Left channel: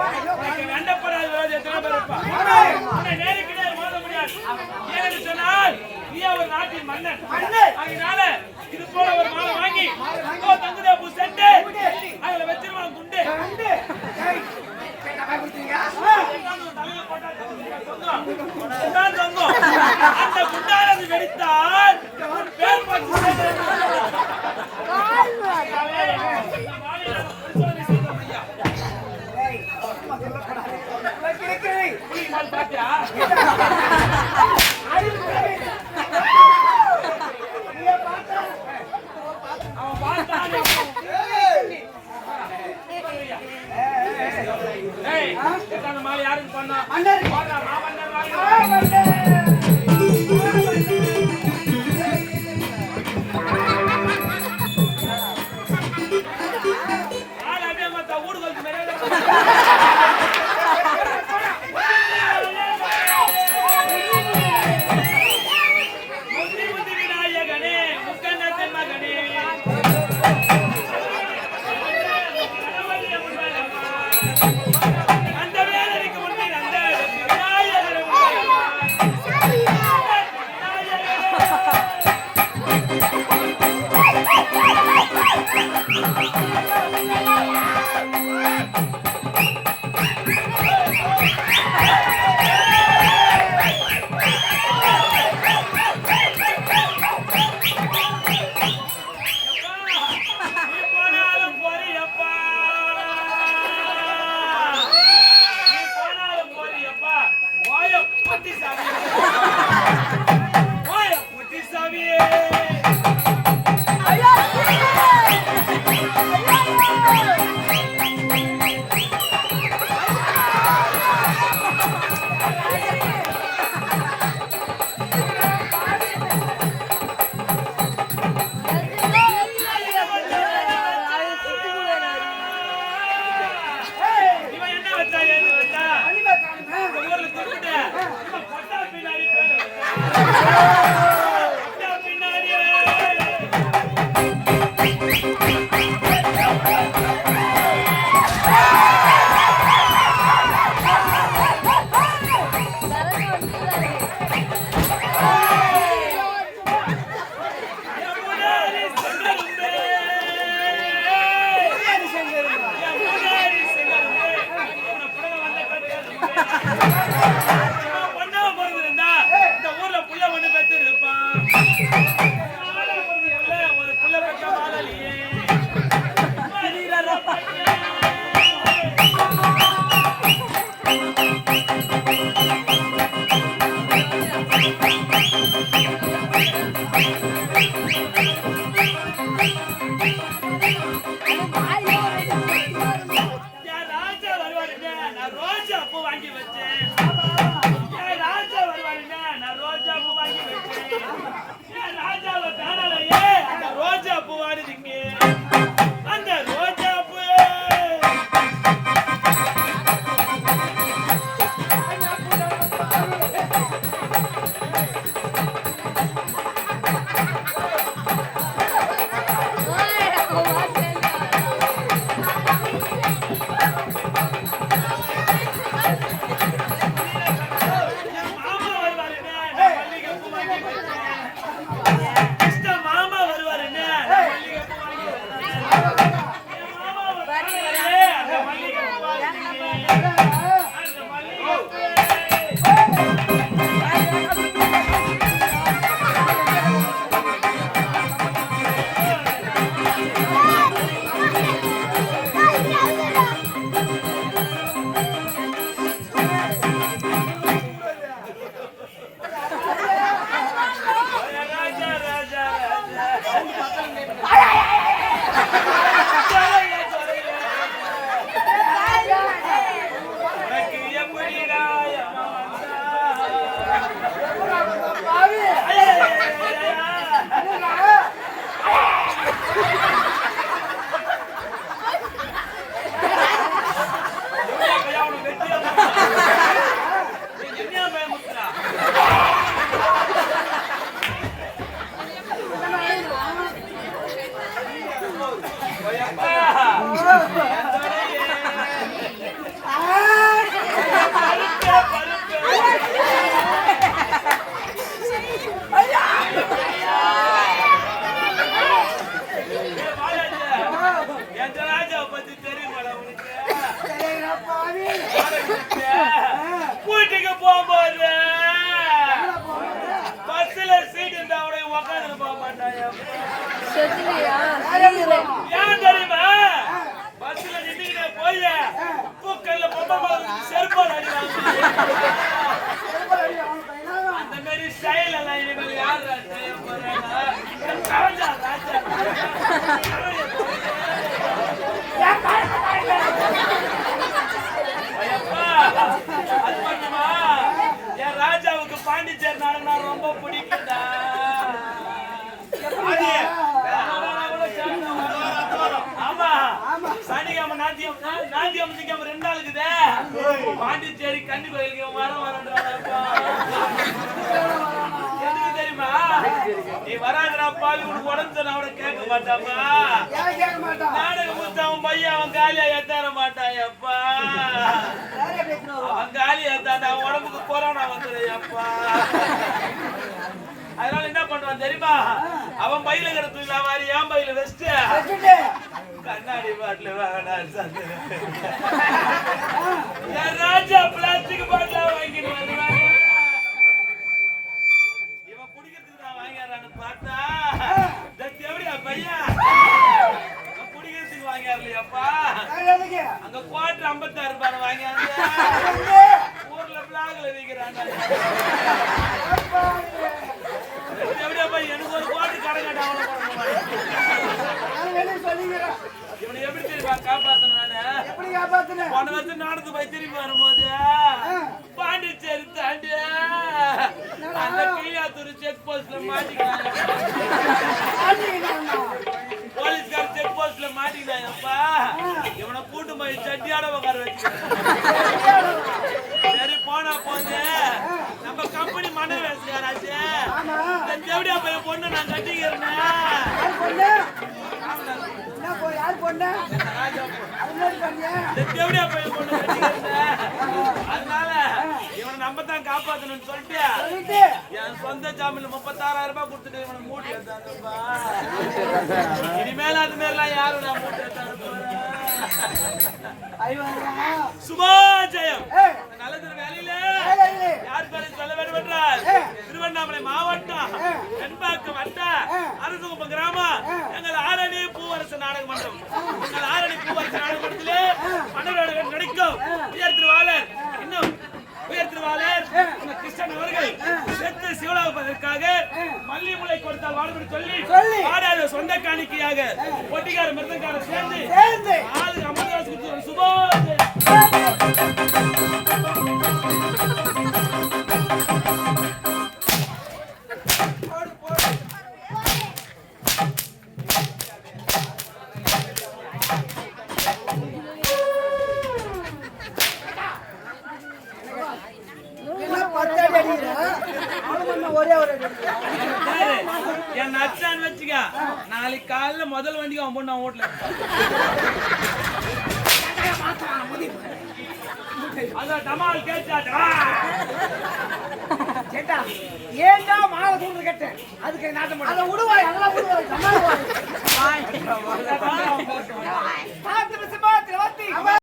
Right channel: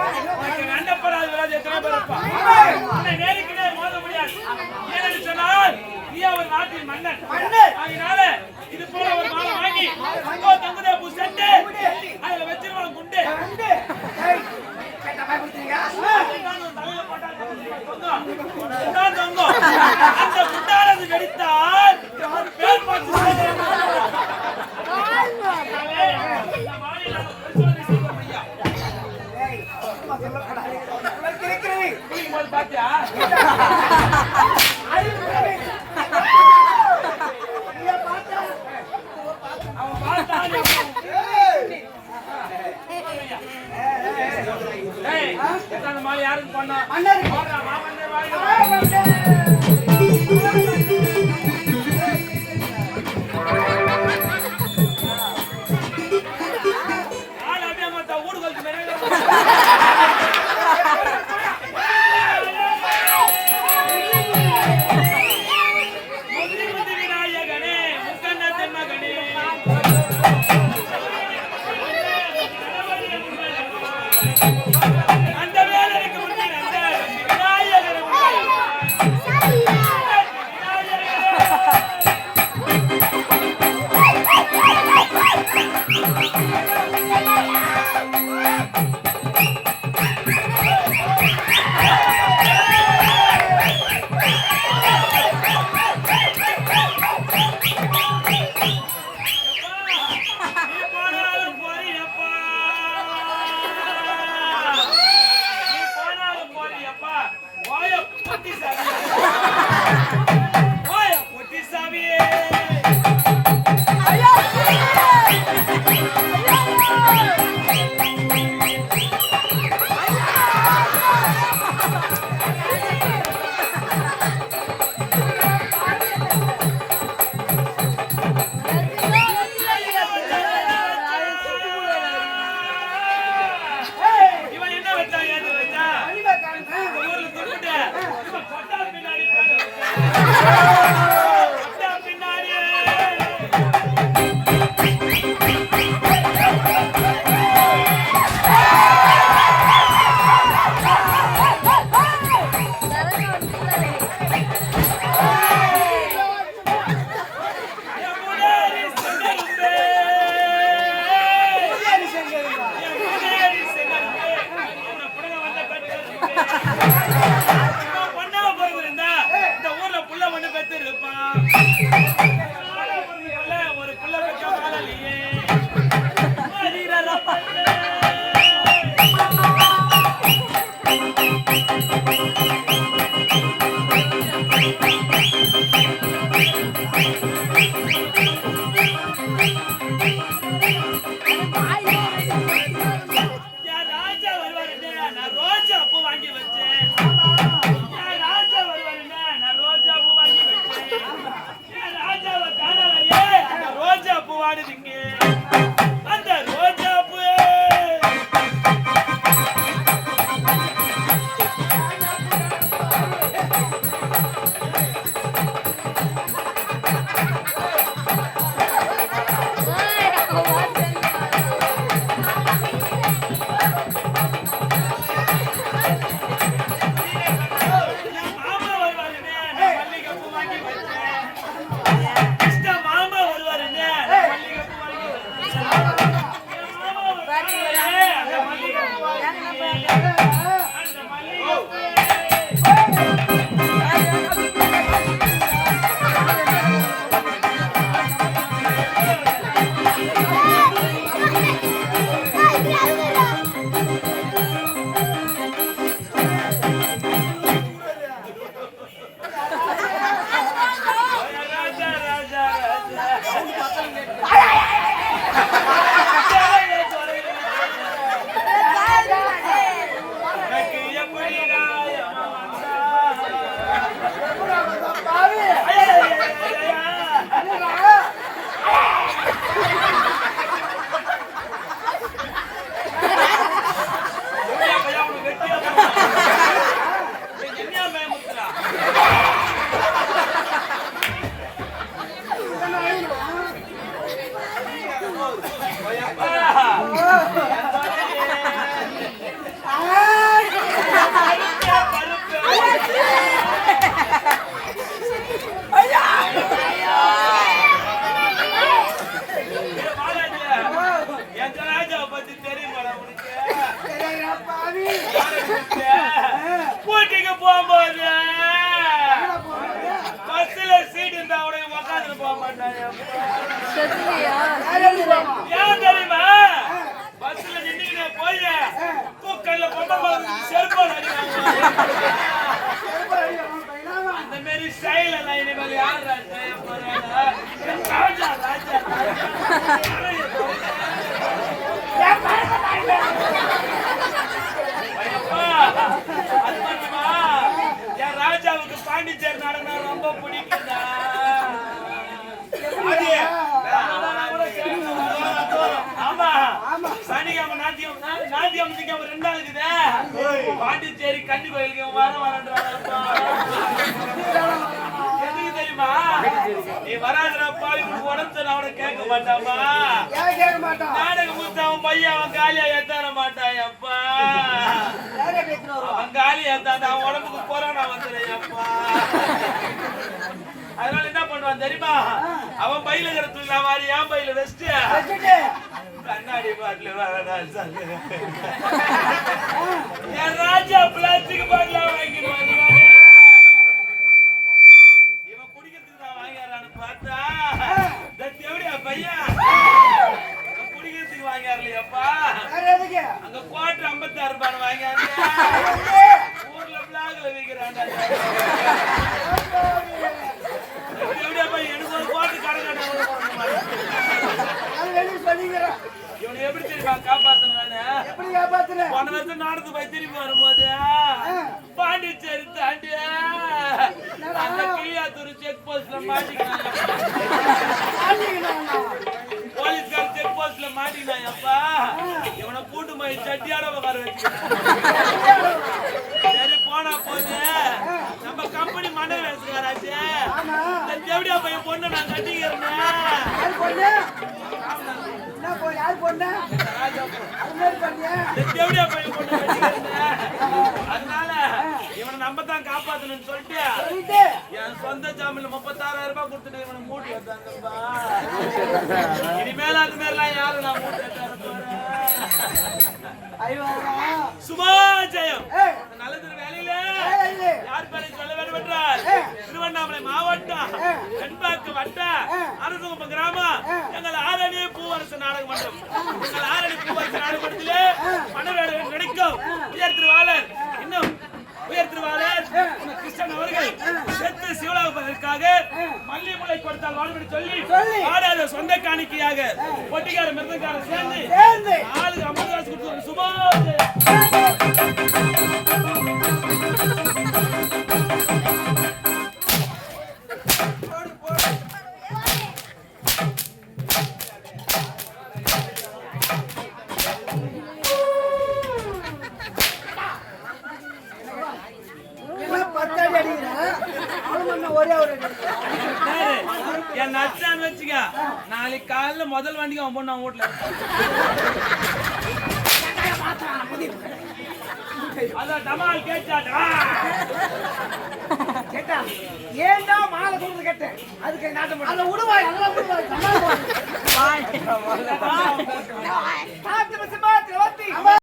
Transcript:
அண்டப்படாத விரோதி எத்தனை பேர் இருப்பா? உன்னை நேருக்கு நேர் மோத முடியாது. ஏனென்று சொன்னால் நீ ஒரு நாட்டின் மன்னன். அதனால இது போல ஒரு மாலை வாங்கி தங்குதே பூ செட்டு அதுல வச்சிருவாங்க குண்டு. அந்த குண்டானது வெடித்தால் பேர் பாத்தியா அவன் பார்த்தான் மாலை யாருக்கு பண்ணா ஊடுகளுக்கு மேலே Ah! ஏன் தெரியுமா பஸ்ல நின்னுக்கிட்டே போய் தூக்கல்ல பொம்பல் மலை செருப்பால் அடி வாங்குவாங்க அந்த மாதிரி ஸ்டைல் எல்லாம் இனிமேல் யார் செய்ய போறாங்க ராஜா ராஜா அது மட்டுமா என் ராஜாவுக்கு பாண்டிச்சேரி நாடகம்னா ரொம்ப பிடிக்கும்டா ஆமா சனிக்கிழமை நாத்தியம் திங்காம 2 நாள் இருக்குது பாண்டிச்சேரி கன்னி கோயிலுக்கு வரன்றாங்க எதுக்கு தெரியுமா நீ வராதுனா பாவி உனக்கு உடம்பு அவனை கேட்க மாட்டாமா நாடகம் முடிச்சு அவன் பையன் அவன் காலியா ஏத்தார மாட்டான் அப்பா அவன் காலி ஏத்தாண்ட அவன் உடம்புக்கு கொரோனா வந்துடுப்பா அதனால என்ன பண்ணுவான் தெரியுமா அவன் பையில இருக்கிற துணில மாதிரி என் பையில வெஸ்ட் கண்ணாடி பாட்டில் என் ராஜா பிளாஸ்டிக் பாட்டில வாங்கிட்டு வருவாங்க இவன் குடிக்கிறதுக்கு நான் வாங்கிறான்னு பார்த்தா எப்படியா பையன் குடிக்கிறதுக்கு வாங்கியாருலையாப்பா அங்க குவாட்டர் 56 ரூபாய் வாங்கியாரு ஊர்ல பிளாக்ல விற்கிறாங்க எப்படியாப்பா எனக்கு ஒரு குவாட்டர் கடை காட்ட அவ்வளவு கொடுக்க மாட்டேன் இவனை எப்படி தெரியுமா காப்பாத்தன போன வருஷம் நாடத்து போய் திரும்பி வரும்போது பாண்டிச்சேரி தாண்டி அந்த கிளியாத்தூர் செக் போஸ்ட்ல மாட்டிக்கிறான் போலீஸ்கார செக் போஸ்ட்ல மாட்டிக்கிறான் அப்பா இவனை கூட்டு போய் சட்டியாட உட்கார வச்சுக்கிறேன் சரி போனா போது நம்ம கம்பெனி மன்னர் வேசுக்காராச்சு இந்த தேவடியா பையன் பொண்ணு நான் கட்டிக்கிறேன் அதனால இவனை நம்ம தான் காப்பாத்தணும்னு சொல்லிட்டு என் சொந்த ஜாமீன்ல 36,000 ரூபாய் கொடுத்துட்டு இவனை மூட்டி எடுத்தாங்கப்பா இனிமேல அது மாதிரிலாம் யாரும் நான் மூட்டி எடுத்தாரு சுபாஜயம் நல்லது வேலையில யார் பேரை சொல்ல வேண்டும் என்றால் திருவண்ணாமலை மாவட்டம் தென்பாக்கம் வட்ட அரசுகுப்பம் கிராமம் எங்கள் ஆரணி பூவரசு நாடக மன்றம் எங்கள் ஆரணி பூவரசு நாடக மன்றத்திலே மன்னர்கள் நடிக்கும் உயர் திருவாளர் இன்னும் உயர் திருவாளர் கிருஷ்ணன் அவர்கள் செத்து சிவலாபதற்காக மல்லிமுலை கொடுத்தால் வாழ்வு சொல்லி ஆடாத சொந்த காணிக்கையாக பொட்டிக்கார மிருதங்கார சேர்ந்து 4 அமர்தாஸ் கொடுத்து சுபாஜயம் என் நச்சான்னு வச்சுக்க நாளைக்கு காலையில முதல் வண்டிக்கு அவன் பொண்ணு அவன் வீட்டுல அதான் டமால் கேட்டாட்டா கேட்டா ஏண்டா மாலை சொல்றது கேட்டேன் அதுக்கு நாட்டம் அதை விடுவாய் அதெல்லாம் விடுவாய்